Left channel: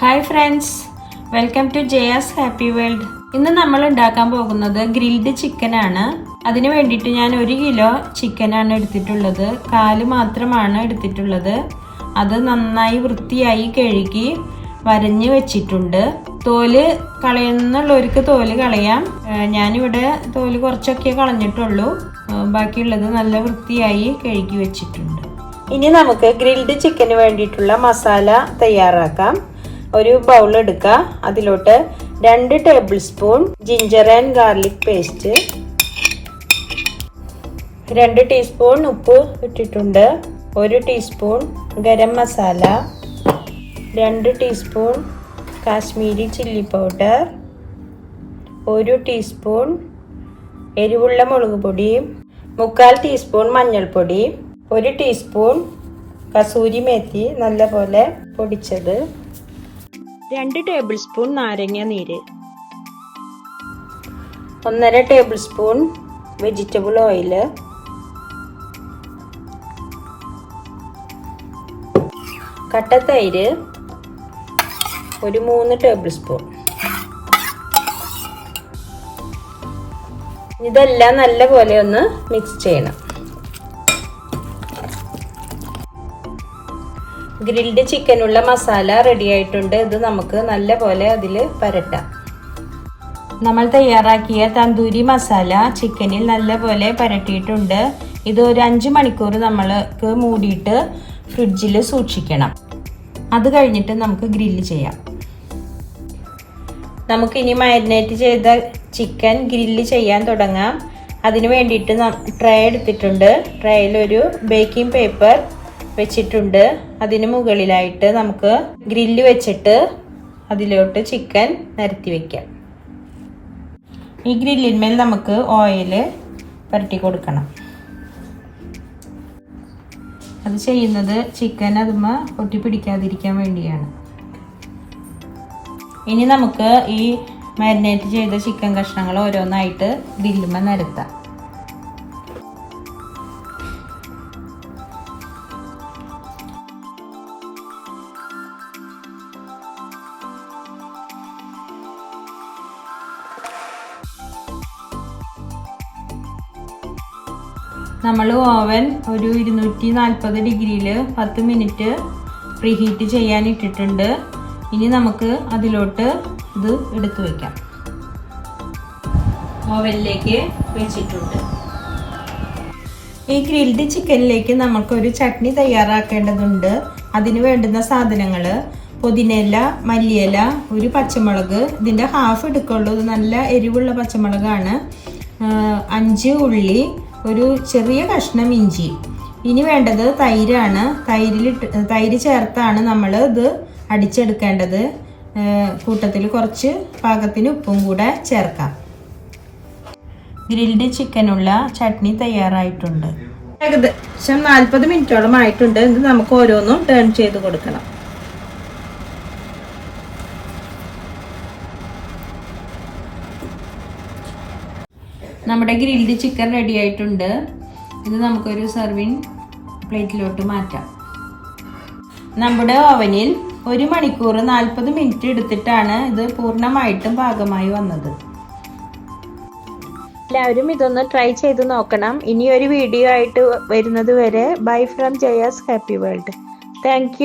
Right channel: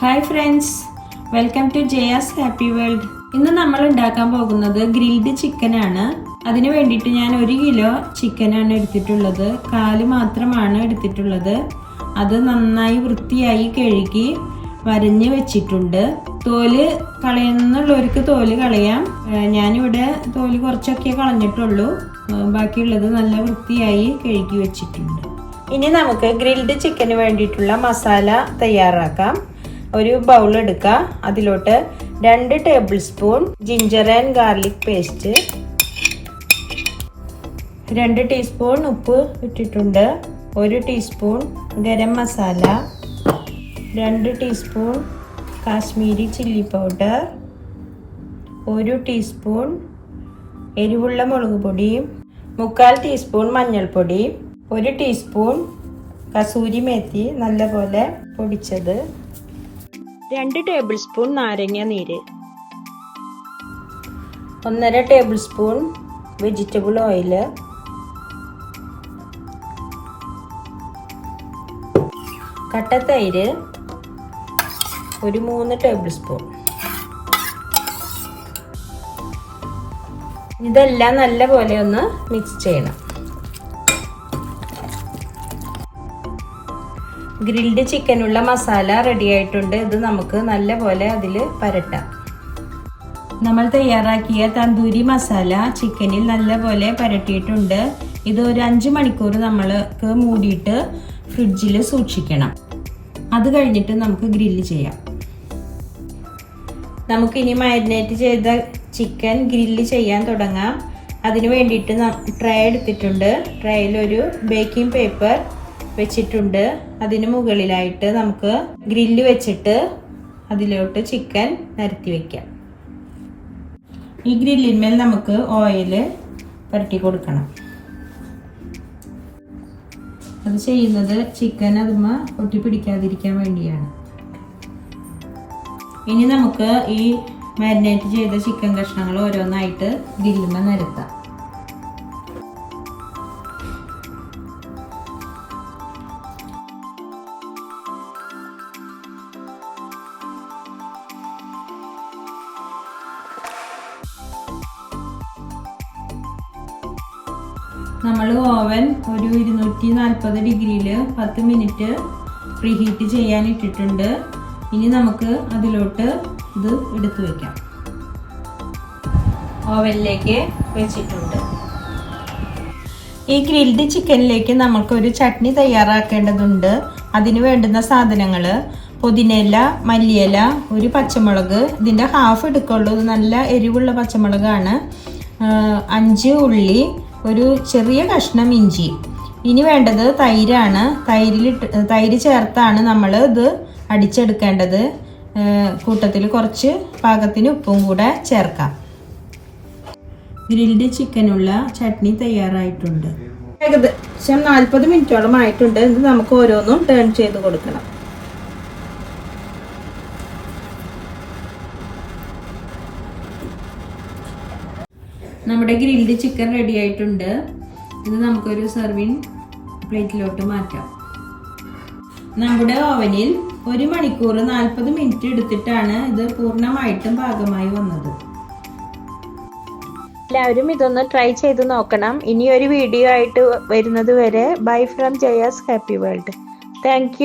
Hi friends welcome to Jaya's happy world ഇന്ന് നമ്മൾ ഉണ്ടാക്കാൻ പോകുന്നത് ഗ്രിൽഡ് ചിക്കനാണ് അതിന് വേണ്ടിയിട്ട് ഞാൻ ഒരു കിലോ ചിക്കനാണ് എടുത്തിട്ടുള്ളത്. കാൽ മാത്രമാണ് എടുത്തിട്ടുള്ളത്. അത് നന്നായി വൃത്തിയായി കഴുകി വരഞ്ഞ് വെച്ചിട്ടുണ്ട്. തോൽ കളയുന്നുള്ളവർക്ക് തോൽ കളയാം. ഞാനിവിടെ തോൽ കുറച്ചൊക്കെ കളഞ്ഞിട്ടുള്ളൂ. ബാക്കിയുള്ളത് നല്ല വൃത്തിയായി കഴുകി വെച്ചിട്ടുണ്ട്. ഇനി നമുക്ക് ഗ്രിൽഡ് ചിക്കന് വേണ്ടിയിട്ടുള്ള മസാല തയ്യാറാക്കാം. ഒരു ബൗൾ എടുക്കുക അതിലോട്ട് രണ്ട് tablespoon ginger and garlic paste രണ്ട് ടീസ്പൂൺ ഉപ്പ് ഇട്ടിട്ടുണ്ട്. ഒരു ടീസ്പൂൺ ഗരം മസാല രണ്ട് ടീസ്പൂൺ കാശ്മീരി ചില്ലി പൗഡർ ഒരു ടീസ്പൂൺ എരിവുള്ള മുളക് പൊടി മുക്കാൽ ടീസ്പൂൺ മഞ്ഞൾപ്പൊടി ഒരു ടീസ്പൂൺ കസൂരി മേത്തി നല്ലപോലെ പൊടിച്ചത്. രണ്ട് ടേബിൾ സ്പൂൺ നാരങ്ങ നീര്. ഒന്നര ടേബിൾ സ്പൂൺ വെജിറ്റബിൾ ഓയിൽ കട്ടത്തൈര് ഒരു മൂന്ന് ടേബിൾ സ്പൂൺ ഇതെല്ലാം നല്ലപോലെ ഒന്ന് മിക്സ് ചെയ്യണം. ഗ്രിൽഡ് ചിക്കനുള്ള മസാല റെഡി ആയിട്ടുണ്ട്. ഇത് നമുക്ക് നല്ലപോലെ അതിൽ പരട്ടാം. നമ്മൾ തയ്യാറാക്കിയ തന്തൂരി മസാല ചിക്കനിൽ നല്ലപോലെ പരട്ടിയിട്ടുണ്ട്. ഇത് ഒരു അഞ്ച് മണിക്കൂർ നമ്മൾക്ക് മൂടിയിട്ട് ഫ്രിഡ്ജിൽ സൂക്ഷിക്കണം. അത് കഴിഞ്ഞിട്ട് നമുക്ക് ഗ്രില്ല് ചെയ്യാം. നമുക്കിനി മാരിനേറ്റ് ചെയ്ത ചിക്കൻ ഗ്രില്ല് ചെയ്യാൻ തുടങ്ങാം. അതിന് വേണ്ടിയിട്ട് ട്രേ എടുത്തിട്ടുണ്ട്. ട്രേയിൽ ഒരു ബേക്കിംഗ് പേപ്പർ വെച്ചിട്ടുണ്ട്. അതിന് മുകളിലായിട്ട് നമുക്ക് ഗ്രില്ല് വെച്ചിട്ട് അതിലോട്ട് ചിക്കൻ നിരത്തി വെക്കാം. ഈ ഗ്രില്ലിന്മേൽ നമുക്ക് ഓയിൽ പുരട്ടി കൊടുക്കണം. അത് ചെയ്യുന്നത് ചിക്കൻ അതുമ്മ ഒട്ടി പിടിക്കാതിരിക്കാൻ വേണ്ടിയാണ്. ഇനി നമുക്ക് ഈ മാരിനേറ്റ് ചെയ്ത ചിക്കൻ കഷ്ണങ്ങൾ ഓരോന്നായിട്ട് ഗ്രില്ലുമ്മ നിരത്താം. നമ്മൾ ഓവൻ ഒരു ഇരുന്നൂറ്റി നാൽപ്പത് ഡിഗ്രിയിൽ പത്ത് മിനിറ്റ് പ്രീഹീറ്റ് ചെയ്യാൻ ഇട്ടിട്ടുണ്ട് ഇനി നമുക്ക് അതിലോട്ട് ഇത് എടുത്തു വയ്ക്കാം ഓവനിലേക്ക് വെച്ചിട്ടുണ്ട്. ഈ ഗ്രിൽഡ് ചിക്കനിലേക്ക് നമുക്കൊരു ചട്നി തയ്യാറാക്കേണ്ടതുണ്ട്. അതിന് വേണ്ടുന്ന സാധനങ്ങൾ പുതിനയില മല്ലിയില ഒരു പച്ചമുളക് ഇതിന്റെ ഹാഫ് എടുക്കുള്ളൂ. ഇത് നല്ല എരിവുള്ള പച്ചമുളകാണ്. അഞ്ച് ഉള്ളി ഒരു ചെറിയ കഷ്ണം ഇഞ്ചി. ഇനി വേണ്ടത് തൈരാണ്. തൈരിലിട്ട് തൈര് ചേർത്താണ് നമ്മൾ ഇത് അടിച്ചെടുക്കേണ്ടത്. കൂട്ടത്തിൽ കുറച്ച് പാകത്തിന് ഉപ്പും കൂടെ ചേർക്കാം. ഗ്രിൽഡ് ചിക്കനുള്ള ചട്നി തയ്യാറായിട്ടുണ്ട്. ഏകദേശം നാൽപ്പത് മിനിറ്റോളം ആയിട്ടുണ്ട്. ഇത് നമുക്ക് ഓരോന്നും ടേൺ ചെയ്ത് കൊടുക്കണം. നമ്മുടെ ഗ്രിൽഡ് ചിക്കൻ റെഡി ആയിട്ടുണ്ട്. ഇത് നമുക്കൊരു സർവിങ് പ്ലേറ്റിലോട്ട് മാറ്റാം. നമ്മുടെ ഓവനിൽ ഒരു മണിക്കൂർ നാൽപ്പത് മിനിറ്റ് എടുത്തിട്ടാണ് ഇത് പൂർണമായിട്ടും പാകമായി വന്നത്. എല്ലാവരും ഇതൊന്ന് ട്രൈ ചെയ്ത് നോക്കണം. ഇനി ഒരു വീഡിയോ ആയിട്ട് വരുന്നത് വരെ. Bye from Jaya's happy world thank